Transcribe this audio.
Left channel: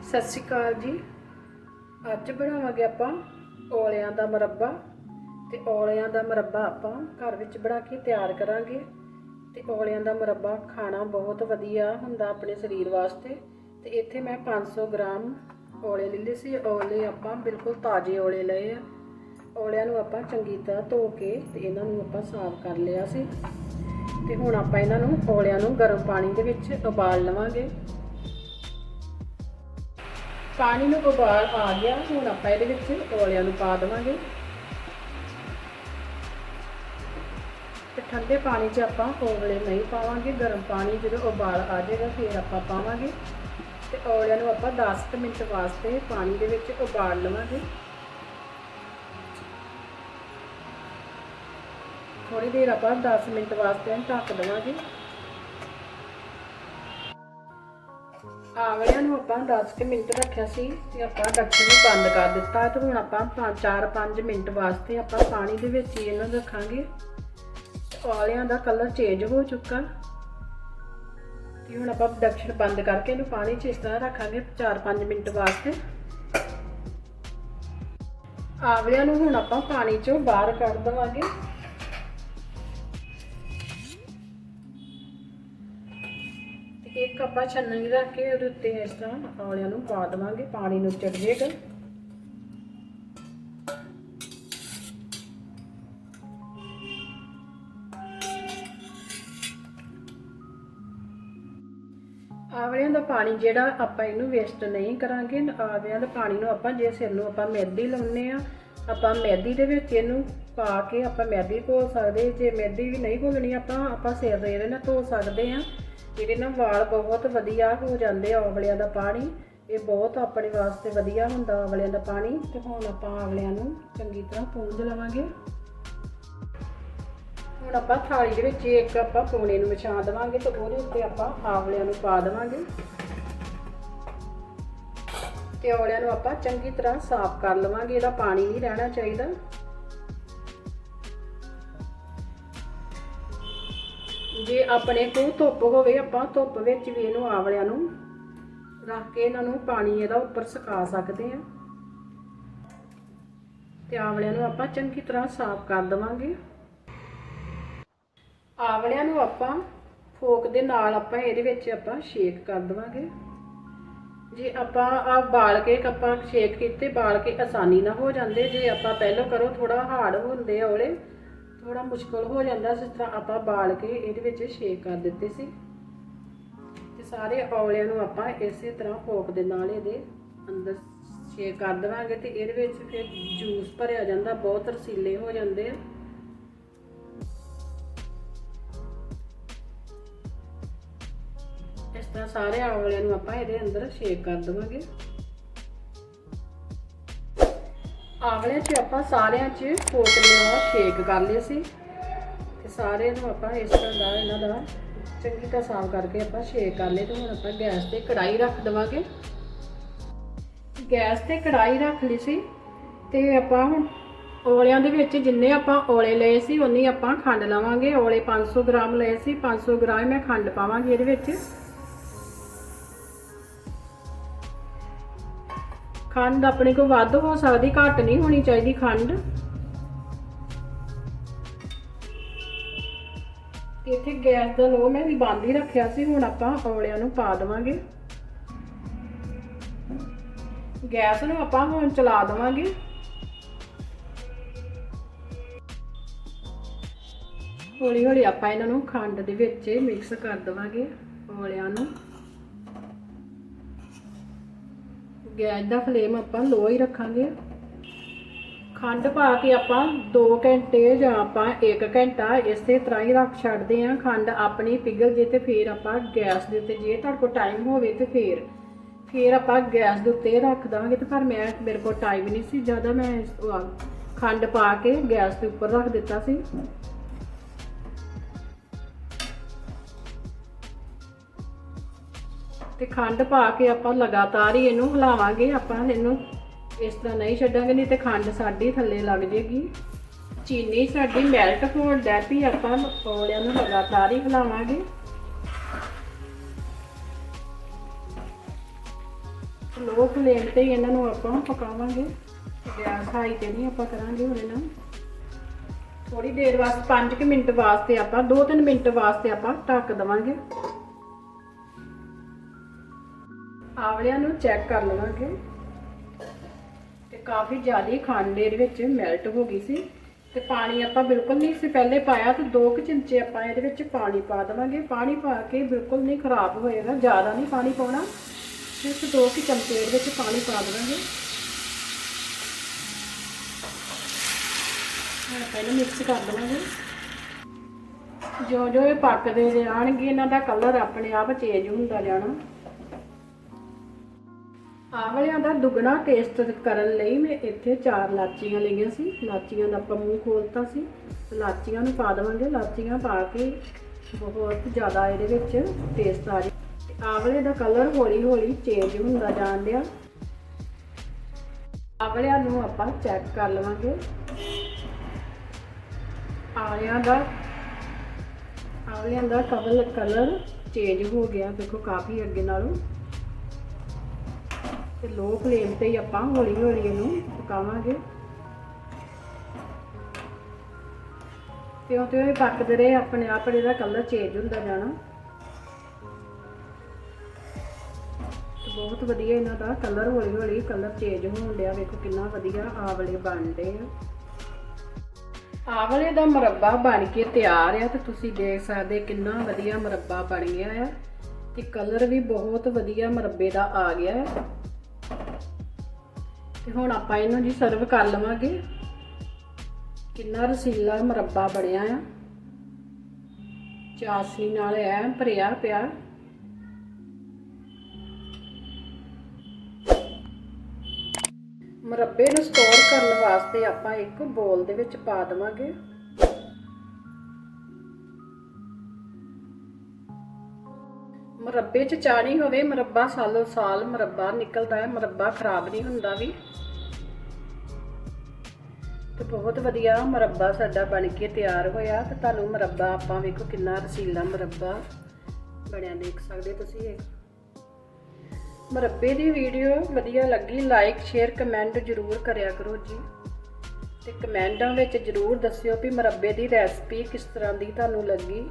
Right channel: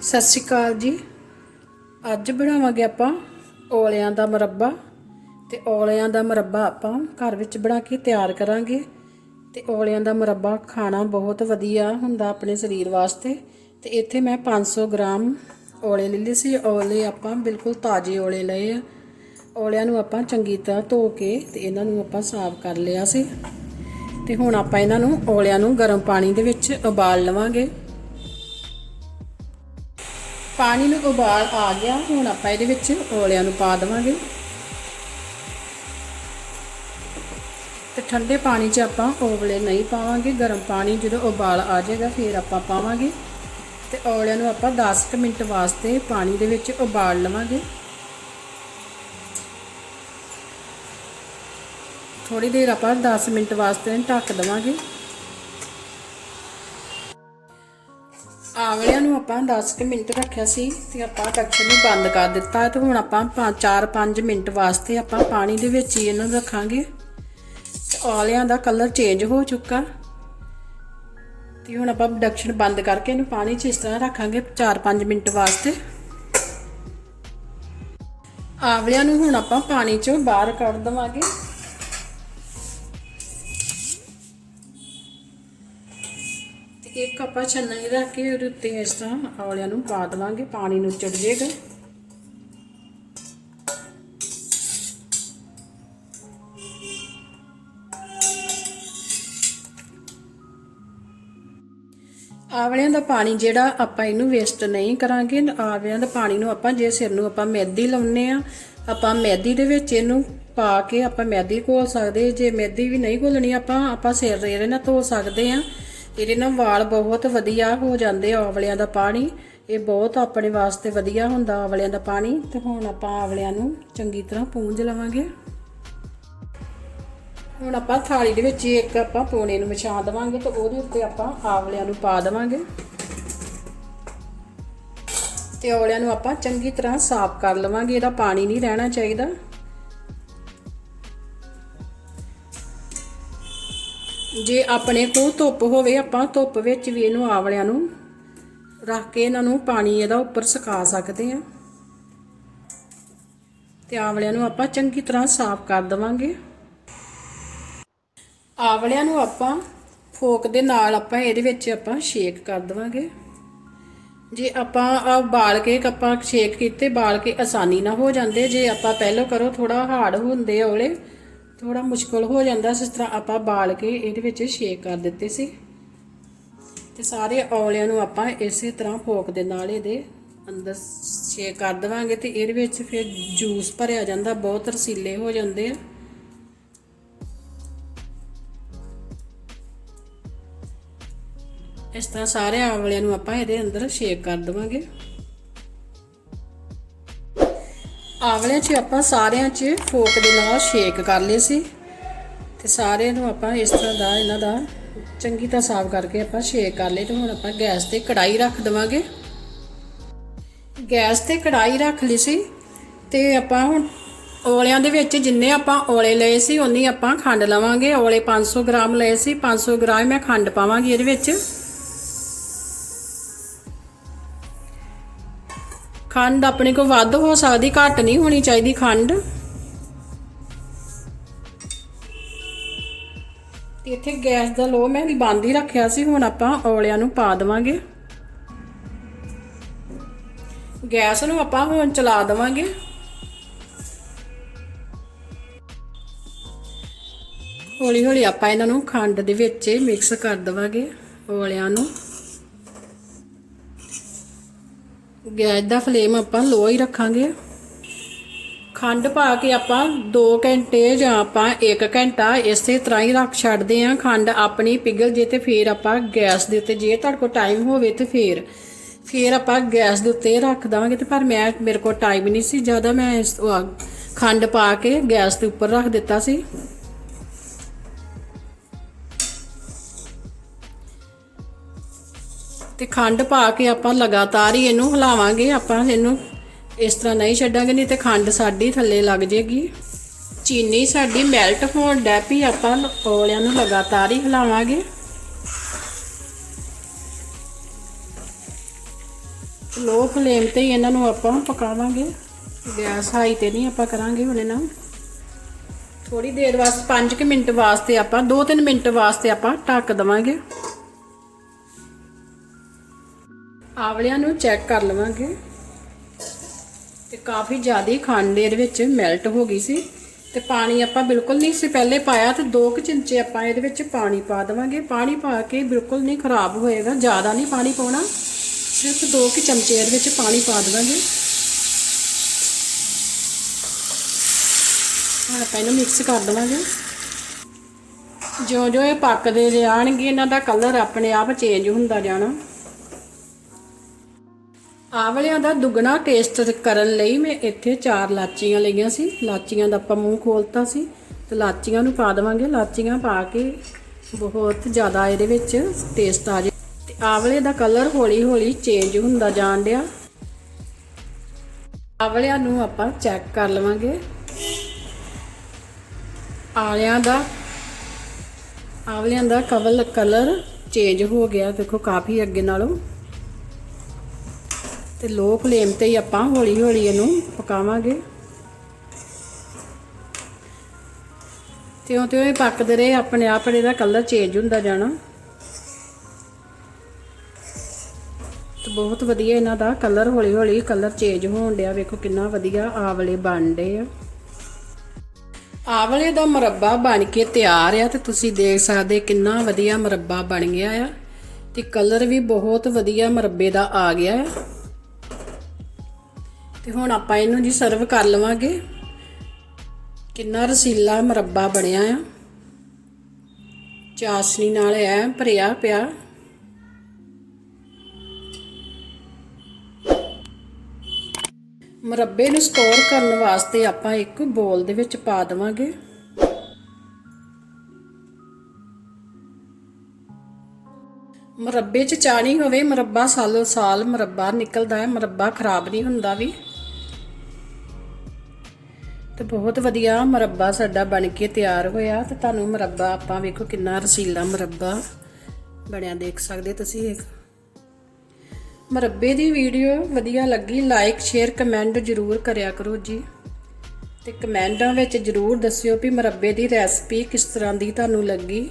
ਸਤਿ ਸ਼੍ਰੀ ਅਕਾਲ ਜੀ। ਅੱਜ ਬਣਾਵਾਂਗੇ ਆਪਾਂ ਔਲਿਆਂ ਦਾ ਮੁਰੱਬਾ ਤੇ ਔਲਿਆਂ ਦਾ ਮੁਰੱਬਾ ਆਪਾਂ ਘਰ ਵਿੱਚ ਬਣਾ ਕੇ ਤਿਆਰ ਕਰਾਂਗੇ ਤੇ ਔਲਿਆਂ ਦਾ ਮੁਰੱਬਾ ਖਾਣਾ ਬਹੁਤ ਵਧੀਆ ਹੁੰਦਾ ਆਪਣੇ ਸਰੀਰ ਵਾਸਤੇ ਤੇ ਇੱਥੇ ਮੈਂ 500 ਗ੍ਰਾਮ ਔਲੇ ਲੈ ਲਏ ਸੀ। ਔਲੇ ਆਪਾਂ ਬਿਲਕੁਲ ਤਾਜ਼ੇ ਔਲੇ ਲਏ ਆ। ਔਲਿਆਂ ਨੂੰ ਆਪਾਂ ਚੰਗੀ ਤਰ੍ਹਾਂ ਧੋ ਕੇ ਤੇ ਇਹਨਾਂ ਨੂੰ ਆਪਾਂ ਸਾਫ਼ ਕਰ ਲਿਆ ਸੀ। ਤੇ ਹੁਣ ਆਪਾਂ ਇਹਨਾਂ ਨੂੰ ਔਲਿਆਂ ਨੂੰ ਗਰਮ ਪਾਣੀ ਦੇ ਵਿੱਚ ਉਬਾਲ ਲਵਾਂਗੇ। ਪਾਣੀ ਨੂੰ ਉਬਾਲ ਆ ਗਿਆ, ਹੁਣ ਆਪਾਂ ਇਹਦੇ ਵਿੱਚ ਔਲਿਆਂ ਨੂੰ ਪਾ ਦੇਵਾਂਗੇ। ਤੇ ਠੰਡੇ ਪਾਣੀ 'ਚ ਆਪਾਂ ਔਲੇ ਨਹੀਂ ਪਾਵਾਂਗੇ, ਗਰਮ ਪਾਣੀ ਜਦੋਂ ਉਬਾਲ ਆ ਜਾਏਗਾ, ਫਿਰ ਆਪਾਂ ਪਾਵਾਂਗੇ। ਤੇ ਔਲਿਆਂ ਨੂੰ ਆਪਾਂ 10 ਮਿੰਟ ਵਾਸਤੇ ਪਾਣੀ ਦੇ ਵਿੱਚ ਉਬਾਲ ਲਵਾਂਗੇ। ਥੋੜੀ ਦੇਰ ਆਪਾਂ 10 ਮਿੰਟ ਵਾਸਤੇ ਢੱਕ ਦੇਵਾਂਗੇ। ਆਵਲਿਆਂ ਨੂੰ ਆਪਾਂ 10 ਕੁ ਮਿੰਟ ਰੱਖਿਆ ਸੀ ਤੇ ਆਪਾਂ ਡੱਕਣ ਨੂੰ ਬੰਦ ਕਰ ਦਿੱਤਾ ਤੇ ਹੁਣ ਆਪਾਂ 4-5 ਮਿੰਟ ਵਾਸਤੇ ਆਪਾਂ ਪਾਣੀ ਦੇ ਵਿੱਚ ਹੀ ਇਹਨਾਂ ਨੂੰ ਰੱਖਾਂਗੇ ਆਵਲਿਆਂ ਦਾ ਕਲਰ ਚੇਂਜ ਹੋ ਚੁੱਕਾ। ਤੇ ਹੁਣ ਆਪਾਂ ਡਕਸ਼ਨ ਬੰਦ ਕਰਕੇ ਇਹਨੂੰ ਪਾਣੀ 'ਚ ਇਸ ਤਰ੍ਹਾਂ ਰੱਖਾਂਗੇ 4-5 ਮਿੰਟ ਵਾਸਤੇ। ਆਵਲਿਆਂ ਨੂੰ ਹੁਣ ਆਪਾਂ ਪਾਣੀ 'ਚੋਂ ਬਾਹਰ ਕੱਢ ਦਵਾਂਗੇ। ਇੱਕ ਆਪਾਂ ਛੰਨਣੀ ਰੱਖ ਕੇ ਉਹਦੇ ਉੱਤੇ ਇਸ ਤਰ੍ਹਾਂ ਔਲਿਆਂ ਨੂੰ ਪਾ ਦੇਵਾਂਗੇ, ਪਾਣੀ ਨੂੰ ਚੜ ਜਾਏਗਾ ਆਵਲਿਆਂ ਦਾ ਪਾਣੀ ਜਿਹੜਾ ਆਪਾਂ ਇਹਨੂੰ ਵੇਸਟ ਨਹੀਂ ਕਰਾਂਗੇ, ਆਵਲਿਆਂ ਦਾ ਪਾਣੀ ਨੂੰ ਆਪਾਂ ਜੇ ਸਿਰ ਨੂੰ ਆਪਾਂ ਮੈਦੀ ਲਾਉਨੇ ਆ ਆਪਾਂ ਮੈਦੀ ਦੇ ਵਿੱਚ ਇਹਨੂੰ ਪਾ ਕੇ ਆਪਾਂ ਮੈਦੀ ਘੋਲ ਸਕਦੇ ਜੇ ਮੈਦੀ ਵੀ ਨਹੀਂ ਘੋਲਣੀ, ਆਪਾਂ ਆਪਾਂ ਸਿਰ ਦੇ ਇਹਦੇ ਨਾਲ ਧੋ ਸਕਦੇ ਆ ਇਹਦੇ ਨਾਲ ਵਾਲ ਬਹੁਤ ਵਧੀਆ ਹੋ ਜਾਂਦੇ ਆ, ਆਵਲਿਆਂ ਦਾ ਪਾਣੀ। ਇਹ ਬਹੁਤ ਆਪਣੇ ਵਾਸਤੇ ਵਧੀਆ ਹੁੰਦਾ ਆਵਲਿਆਂ ਦਾ ਪਾਣੀ। ਤੇ ਹੁਣ ਆਪਾਂ ਆਵਲਿਆਂ ਨੂੰ ਚੰਗੀ ਤਰ੍ਹਾਂ ਪੂੰਝ ਲਵਾਂਗੇ। ਹੁਣ ਆਪਾਂ ਥਾਲੀ ਦੇ ਵਿੱਚ ਇੱਕ ਆਪਾਂ ਪੋਣੇ ਨੂੰ ਵਿਛਾ ਦੇਵਾਂਗੇ ਤੇ ਉਹਦੇ ਉੱਤੇ ਆਪਾਂ ਆਵਲਿਆਂ ਨੂੰ ਪਾ ਦੇਵਾਂਗੇ। ਤੇ ਆਵਲਿਆਂ ਨੂੰ ਆਪਾਂ ਚੰਗੀ ਤਰ੍ਹਾਂ ਸਾਫ਼ ਕਰ ਲਵਾਂਗੇ, ਇਹਦਾ ਪਾਣੀ ਨਹੀਂ ਰਹਿਣਾ ਚਾਹੀਦਾ। ਜੇ ਆਪਣੇ ਕੋਲ ਧੁੱਪ ਹੋਵੇ, ਆਪਾਂ ਧੁੱਪ ਵਿੱਚ ਵੀ ਇਹਨੂੰ ਆਵਲਿਆਂ ਨੂੰ ਰੱਖ ਕੇ ਇਹਨਾਂ ਨੂੰ ਪਾਣੀ ਇਹਦਾ ਉੱਪਰ ਸੁਕਾ ਸਕਦੇ ਆ ਤੇ ਆਵਲਿਆਂ ਨੂੰ ਆਪਾਂ ਚੰਗੀ ਤਰ੍ਹਾਂ ਸਾਫ਼ ਕਰ ਦੇਵਾਂਗੇ। ਆਵਲਿਆਂ ਨੂੰ ਆਪਾਂ ਫੋਕ ਦੇ ਨਾਲ ਆਪਾਂ ਇਹਦੇ ਵਿੱਚ ਆਪਾਂ ਸ਼ੇਕ ਕਰ ਦਵਾਂਗੇ। ਜੇ ਆਪਾਂ ਆ ਬਾਲ ਕੇ ਆਪਾਂ ਸ਼ੇਕ ਕੀਤੇ ਬਾਲ ਕੇ ਆਸਾਨੀ ਨਾਲ ਹੋ ਜਾਂਦੇ। ਜੇ ਆਪਾਂ ਪਹਿਲਾਂ ਕਰੋ ਥੋੜਾ ਹਾਰਡ ਹੁੰਦੇ ਔਲੇ ਥੋੜਾ ਮੁਸ਼ਕਲ ਹੋ ਜਾਂਦਾ ਜਿਸ ਤਰ੍ਹਾਂ ਆਪਾਂ ਬਾਲ ਕੇ ਇਹਦੇ ਵਿੱਚ ਸ਼ੇਕ ਕਰ ਦਿੱਤੇ ਸੀ। ਤੇ ਸਾਰੇ ਔਲਿਆਂ ਨੂੰ ਆਪਾਂ ਇਸੇ ਤਰ੍ਹਾਂ ਫੋਕ ਦੇ ਨਾਲ ਇਹਦੇ ਅੰਦਰ ਸ਼ੇਕ ਕਰ ਦਵਾਂਗੇ ਤੇ ਇਹਦੇ ਵਿੱਚ ਫਿਰ ਜੂਸ ਭਰਿਆ ਜਾਂਦਾ, ਬਹੁਤ ਰਸੀਲੇ ਹੋ ਜਾਂਦੇ ਆ। ਇਸ ਤਰ੍ਹਾਂ ਸਾਰੇ ਆਵਲਿਆਂ ਨੂੰ ਆਪਾਂ ਇਹਦੇ ਅੰਦਰ ਸ਼ੇਕ ਕਰ ਦਵਾਂਗੇ। ਆਵਲਿਆਂ 'ਚ ਆਪਾਂ ਸਾਰਿਆਂ 'ਚ ਫੋਕ ਦੇ ਨਾਲ ਸ਼ੇਕ ਕਰ ਲਏ ਸੀ। ਤੇ ਸਾਰਿਆਂ ਨੂੰ ਆਪਾਂ ਇਸ ਤਰ੍ਹਾਂ ਦਾ ਇਹਨਾਂ ਦਾ ਚੰਗੀ ਤਰ੍ਹਾਂ ਸਾਫ਼ ਕਰਕੇ ਆਪਾਂ ਸ਼ੇਕ ਕਰ ਲਏ ਤੇ ਹੁਣ ਆਪਾਂ ਗੈਸ ਤੇ ਕੜਾਈ ਰੱਖ ਦਵਾਂਗੇ। ਗੈਸ ਤੇ ਕੜਾਈ ਰੱਖ ਲਈ ਸੀ ਤੇ ਆਪਾਂ ਹੁਣ ਔਲਿਆਂ ਦੇ ਵਿੱਚ ਜਿੰਨੇ ਆਪਾਂ ਔਲੇ ਲਏ ਸੀ, ਉਨੀ ਆਪਾਂ ਖੰਡ ਲਵਾਂਗੇ। ਔਲੇ 500 ਗ੍ਰਾਮ ਲਏ ਸੀ 500 ਗ੍ਰਾਮ ਮੈਂ ਖੰਡ ਪਾਵਾਂਗੀ ਇਹਦੇ ਵਿੱਚ। ਖੰਡ ਆਪਣੇ ਕੋਲ ਵੱਧ ਹੋ ਸਕਦੀ, ਘੱਟ ਨਹੀਂ ਹੋਣੀ ਚਾਹੀਦੀ ਖੰਡ। ਤੇ ਇੱਥੇ ਗੈਸ ਦਾ ਲੋ ਮੈਂ ਵੀ ਬੰਦ ਹੀ ਰੱਖਿਆ ਸੀ, ਹੁਣ ਆਪਾਂ ਔਲਿਆਂ ਨੂੰ ਪਾ ਦੇਵਾਂਗੇ। ਗੈਸ ਨੂੰ ਆਪਾਂ ਹੁਣ ਚਲਾ ਦੇਵਾਂਗੇ। ਹੌਲੀ ਹੌਲੀ ਆਪਾਂ ਇਹਨਾਂ ਨੂੰ ਖੰਡ ਦੇ ਵਿੱਚ ਮਿਕਸ ਕਰ ਦੇਵਾਂਗੇ ਔਲਿਆਂ ਨੂੰ। ਗੈਸ ਦਾ ਫਲੇਮ ਆਪਾਂ ਲੋ ਹੀ ਰੱਖਾਂਗੇ। ਖੰਡ ਪਾ ਕੇ ਆਪਾਂ 2 ਘੰਟੇ ਜਾਂ ਆਪਾਂ 1 ਘੰਟਾ ਇਸੇ ਤਰ੍ਹਾਂ ਹੀ ਰੱਖ ਛੱਡਦੇ ਆਂ ਖੰਡ ਆਪਣੀ ਪਿਘਲ ਜੇ ਤੇ ਫੇਰ ਆਪਾਂ ਗੈਸ ਦੇ ਉੱਤੇ, ਜੇ ਤੁਹਾਡੇ ਕੋਲ ਟਾਈਮ ਹੋਵੇ ਤੇ ਫੇਰ। ਫੇਰ ਆਪਾਂ ਗੈਸ ਦੇ ਉੱਤੇ ਰੱਖ ਦਵਾਂਗੇ ਤੇ ਪਰ ਮੈਂ, ਮੇਰੇ ਕੋਲ ਟਾਈਮ ਨਹੀਂ ਸੀ ਜ਼ਿਆਦਾ ਮੈਂ ਇਸ ਖੰਡ ਪਾ ਕੇ ਗੈਸ ਦੇ ਉੱਪਰ ਰੱਖ ਦਿੱਤਾ ਸੀ। ਤੇ ਖੰਡ ਪਾ ਕੇ ਆਪਾਂ ਲਗਾਤਾਰ ਹੀ ਇਹਨੂੰ ਹਿਲਾਵਾਂਗੇ, ਆਪਾਂ ਇਹਨੂੰ ਇਸ ਤਰ੍ਹਾਂ ਨਹੀਂ ਛੱਡਾਂਗੇ, ਨਹੀਂ ਤੇ ਖੰਡ ਸਾਡੀ ਥੱਲੇ ਲੱਗ ਜੇਗੀ। ਚੀਨੀ ਸਾਡੀ ਮੈਲਟ ਹੋਣ ਡੈਪੀ ਆਪਾਂ ਔਲਿਆਂ ਨੂੰ ਲਗਾਤਾਰ ਹੀ ਹਿਲਾਵਾਂਗੇ। ਲੋ ਫਲੇਮ ਤੇ ਹੀ ਇਹਨਾਂ ਨੂੰ ਆਪਾਂ ਪਕਾਵਾਂਗੇ। ਗੈਸ ਹਾਈ ਤੇ ਨਹੀਂ ਆਪਾਂ ਕਰਾਂਗੇ ਹੁਣ ਇਹਨਾਂ ਨੂੰ। ਥੋੜੀ ਦੇਰ ਵਾਸਤੇ 5 ਮਿੰਟ ਵਾਸਤੇ ਆਪਾਂ 2-3 ਮਿੰਟ ਵਾਸਤੇ ਆਪਾਂ ਢੱਕ ਦਵਾਂਗੇ। ਆਵਲਿਆਂ ਨੂੰ ਚੈੱਕ ਕਰ ਲਵਾਂਗੇ। ਤੇ ਕਾਫੀ ਜ਼ਿਆਦਾ ਖੰਡ ਇਹਦੇ ਵਿੱਚ ਮੈਲਟ ਹੋ ਗਈ ਸੀ। ਤੇ ਪਾਣੀ ਆਪਾਂ ਬਿਲਕੁਲ ਨਹੀਂ ਸੀ ਪਹਿਲੇ ਪਾਇਆ, ਤੇ 2 ਕੁ ਚਮਚੇ ਆਪਾਂ ਇਹਦੇ ਵਿੱਚ ਪਾਣੀ ਪਾ ਦੇਵਾਂਗੇ। ਪਾਣੀ ਪਾ ਕੇ ਬਿਲਕੁਲ ਨਹੀਂ ਖਰਾਬ ਹੋਏਗਾ, ਜ਼ਿਆਦਾ ਨਹੀਂ ਪਾਣੀ ਪਾਉਣਾ। ਸਿਰਫ 2 ਕੁ ਚਮਚੇ ਇਹਦੇ ਵਿੱਚ ਪਾਣੀ ਪਾ ਦੇਵਾਂਗੇ। ਹੁਣ ਆਪਾਂ ਇਹਨੂੰ ਮਿਕਸ ਕਰ ਦੇਵਾਂਗੇ। ਜਿਉਂ ਜਿਉਂ ਇਹ ਪੱਕਦੇ ਜਾਣਗੇ ਇਹਨਾਂ ਦਾ ਕਲਰ ਆਪਣੇ ਆਪ ਚੇਂਜ ਹੁੰਦਾ ਜਾਣਾ। ਆਵਲਿਆਂ ਦਾ ਦੁੱਗਣਾ ਟੇਸਟ ਕਰਨ ਲਈ ਮੈਂ ਇੱਥੇ ਚਾਰ ਲਾਚੀਆਂ ਲਈਆਂ ਸੀ। ਲਾਚੀਆਂ ਦਾ ਆਪਾਂ ਮੂੰਹ ਖੋਲਤਾ ਸੀ ਤੇ ਲਾਚੀਆਂ ਨੂੰ ਪਾ ਦੇਵਾਂਗੇ। ਲਾਚੀਆਂ ਪਾ ਕੇ ਬਹੁਤ ਜ਼ਿਆਦਾ ਇਹਦੇ ਵਿੱਚ ਟੇਸਟ ਆ ਜੇ। ਤੇ ਆਵਲੇ ਦਾ ਕਲਰ ਹੌਲੀ ਹੌਲੀ ਚੇਂਜ ਹੁੰਦਾ ਜਾਣ ਡਿਆ। ਆਵਲਿਆਂ ਨੂੰ ਆਪਾਂ ਚੈੱਕ ਕਰ ਲਵਾਂਗੇ। ਆਵਲਿਆਂ ਦਾ ਆਵਲਿਆਂ ਦਾ ਕਵਲ ਕਲਰ ਚੇਂਜ ਹੋ ਗਿਆ। ਦੇਖੋ ਕਾਫੀ ਅੱਗੇ ਨਾਲੋਂ। ਤੇ ਲੋ ਫਲੇਮ ਤੇ ਹੀ ਆਪਾਂ ਹੌਲੀ ਹੌਲੀ ਇਹਨੂੰ ਪਕਾਵਾਂਗੇ। ਤਿਉਂ ਤਿਉਂ ਇਹ ਪੱਕਦੇ ਰਹੇ, ਆਪਣੇ ਆਪ ਇਹਦਾ ਕਲਰ ਚੇਂਜ ਹੁੰਦਾ ਜਾਣਾ। ਤੇ ਬਹੁਤ ਵਧੀਆ ਇਹਨਾਂ ਦਾ ਕਲਰ ਹੌਲੀ ਹੌਲੀ ਕਲਰ ਚੇਂਜ ਹੋਣ ਡਿਆ। ਵੇਖੋ ਕਿੰਨਾ ਵਧੀਆ ਆਵਲੇ ਬਣਦੇ ਆ। ਆਵਲੇ ਦਾ ਮੁਰੱਬਾ ਬਣ ਕੇ ਤਿਆਰ ਆ ਤੇ ਤੁਸੀਂ ਦੇਖ ਸਕਦੇ ਕਿੰਨਾ ਵਧੀਆ ਮੁਰੱਬਾ ਬਣ ਗਿਆ ਆ। ਤੇ ਕਲਰ ਵੀ ਬਹੁਤ ਵਧੀਆ ਮੁਰੱਬੇ ਦਾ ਆ ਗਿਆ। ਹੈ ਤੇ ਹੁਣ ਆਪਾਂ ਇਹਨੂੰ ਜੀ ਸਰਵ ਕਰ ਲਵਾਂਗੇ। ਕਿੰਨਾ ਰਸੀਲਾ ਮੁਰੱਬਾ ਬਣਿਆ ਆ। ਚਾਸਨੀ ਨਾਲ ਐ ਭਰਿਆ ਪਿਆ। ਮੁਰੱਬੇ ਨੂੰ ਸਟੋਰ ਕਰਨ ਵਾਸਤੇ ਆਪਾਂ ਇੱਕ ਬੋਲ ਦੇ ਵਿੱਚ ਪਾ ਦੇਵਾਂਗੇ। ਮੁਰੱਬੇ 'ਚ ਚਾਣੀ ਹੋਵੇ, ਮੁਰੱਬਾ ਸਾਲੋ ਸਾਲ ਮੁਰੱਬਾ ਨਿਕਲਦਾ ਹੈ, ਮੁਰੱਬਾ ਖਰਾਬ ਨਹੀਂ ਹੁੰਦਾ ਵੀ। ਤੇ ਬਹੁਤ ਵਧੀਆ ਮੁਰੱਬਾ ਸਾਡਾ ਬਣ ਕੇ ਤਿਆਰ ਹੋਇਆ ਤੇ ਤੁਹਾਨੂੰ ਮੁਰੱਬਾ ਆਪਾਂ ਵੇਖੋ ਕਿੰਨਾ ਰਸੀਲਾ ਮੁਰੱਬਾ ਬਣਿਆ ਦੇਖ ਸਕਦੇ ਤੁਸੀਂ ਇਹ। ਮੁਰੱਬੇ ਦੀ ਵੀਡੀਓ ਵਧੀਆ ਲੱਗੀ ਲਾਈਕ ਸ਼ੇਅਰ ਕਮੈਂਟ ਜ਼ਰੂਰ ਕਰਿਆ ਕਰੋ ਜੀ। ਤੇ ਕਮੈਂਟਾਂ ਵਿੱਚ ਜ਼ਰੂਰ ਦੱਸਿਓ ਵੀ ਮੁਰੱਬੇ ਦੀ ਰੈਸਪੀ ਕਿਸ ਤਰ੍ਹਾਂ ਦੀ ਤੁਹਾਨੂੰ ਲੱਗੀ।